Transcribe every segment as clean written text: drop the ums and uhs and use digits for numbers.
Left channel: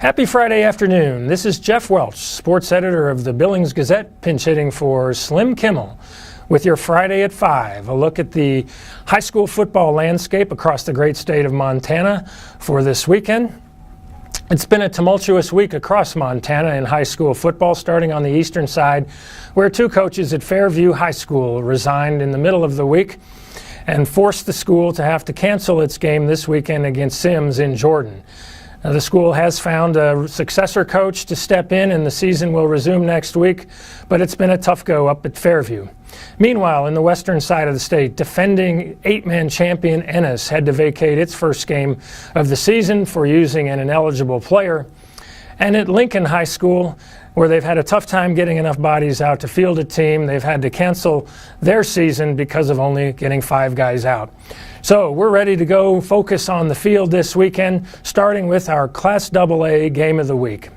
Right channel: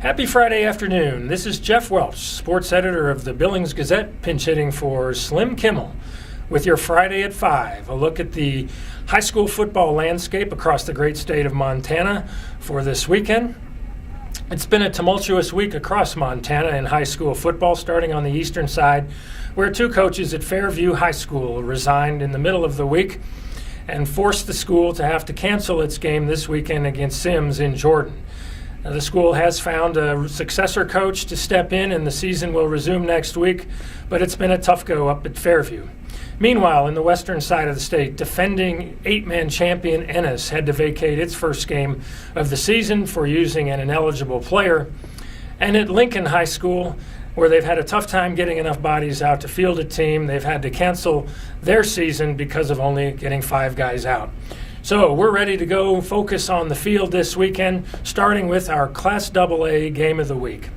Happy Friday afternoon. This is Jeff Welch, sports editor of the Billings Gazette, pinch hitting for Slim Kimmel with your Friday at 5. A look at the high school football landscape across the great state of Montana for this weekend. It's been a tumultuous week across Montana in high school football, starting on the eastern side, where two coaches at Fairview High School resigned in the middle of the week and forced the school to have to cancel its game this weekend against Sims in Jordan. Now, the school has found a successor coach to step in, and the season will resume next week, but it's been a tough go up at Fairview. Meanwhile, in the western side of the state, defending 8-man champion Ennis had to vacate its first game of the season for using an ineligible player. And at Lincoln High School, where they've had a tough time getting enough bodies out to field a team, they've had to cancel their season because of only getting 5 guys out. So we're ready to go focus on the field this weekend, starting with our Class AA game of the week.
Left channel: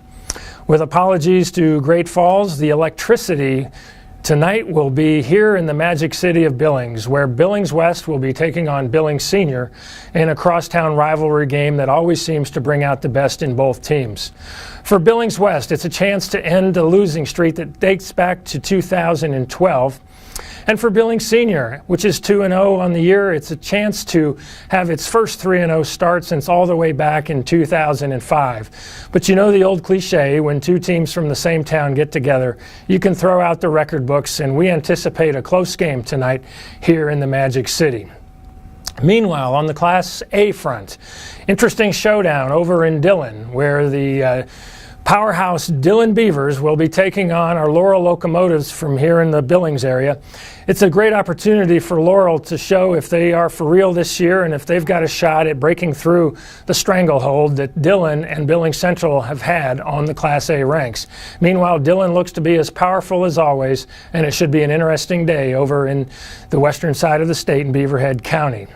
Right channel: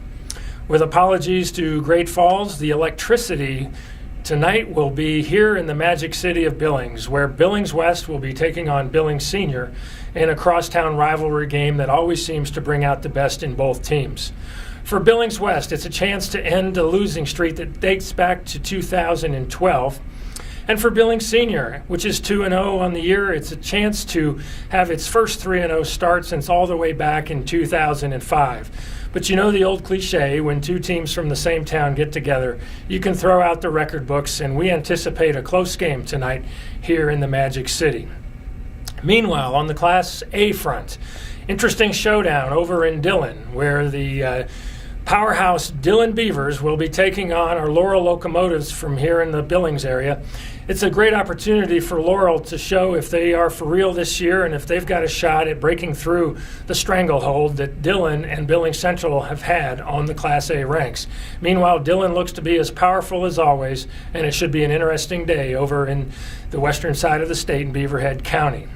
With apologies to Great Falls, the electricity tonight will be here in the Magic City of Billings, where Billings West will be taking on Billings Senior in a crosstown rivalry game that always seems to bring out the best in both teams. For Billings West, it's a chance to end a losing streak that dates back to 2012. And for Billings Senior, which is 2-0 on the year, it's a chance to have its first 3-0 start since all the way back in 2005. But you know the old cliche, when two teams from the same town get together, you can throw out the record books, and we anticipate a close game tonight here in the Magic City. Meanwhile, on the Class A front, interesting showdown over in Dillon, where the powerhouse Dillon Beavers will be taking on our Laurel Locomotives from here in the Billings area. It's a great opportunity for Laurel to show if they are for real this year and if they've got a shot at breaking through the stranglehold that Dillon and Billings Central have had on the Class A ranks. Meanwhile, Dillon looks to be as powerful as always, and it should be an interesting day over in the western side of the state in Beaverhead County.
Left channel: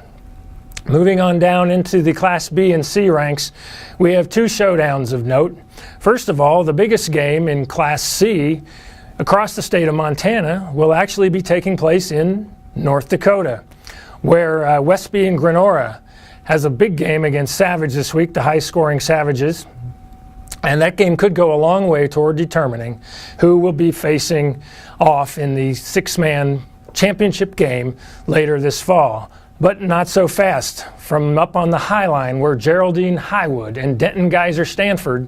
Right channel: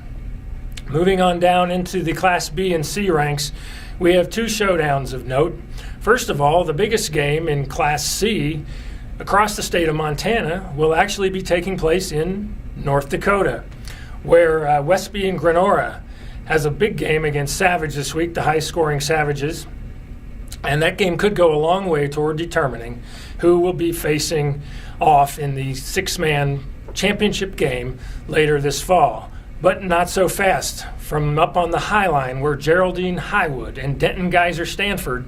Moving on down into the Class B and C ranks, we have 2 showdowns of note. First of all, the biggest game in Class C across the state of Montana will actually be taking place in North Dakota, where Westby and Grenora has a big game against Savage this week, the high-scoring Savages. And that game could go a long way toward determining who will be facing off in the 6-man championship game later this fall. But not so fast. From up on the High Line, where Geraldine Highwood and Denton Geyser Stanford,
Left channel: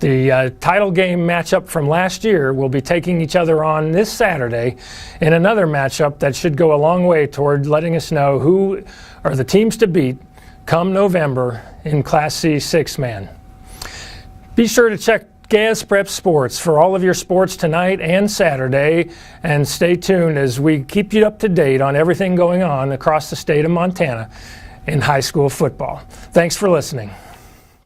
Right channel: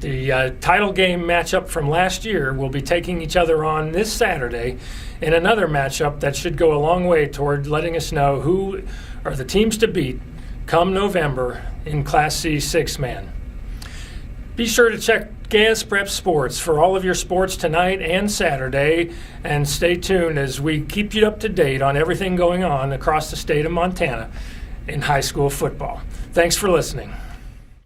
the title game matchup from last year, will be taking each other on this Saturday in another matchup that should go a long way toward letting us know who are the teams to beat come November in Class C 6-man. Be sure to check Gaz Prep Sports for all of your sports tonight and Saturday, and stay tuned as we keep you up to date on everything going on across the state of Montana in high school football. Thanks for listening.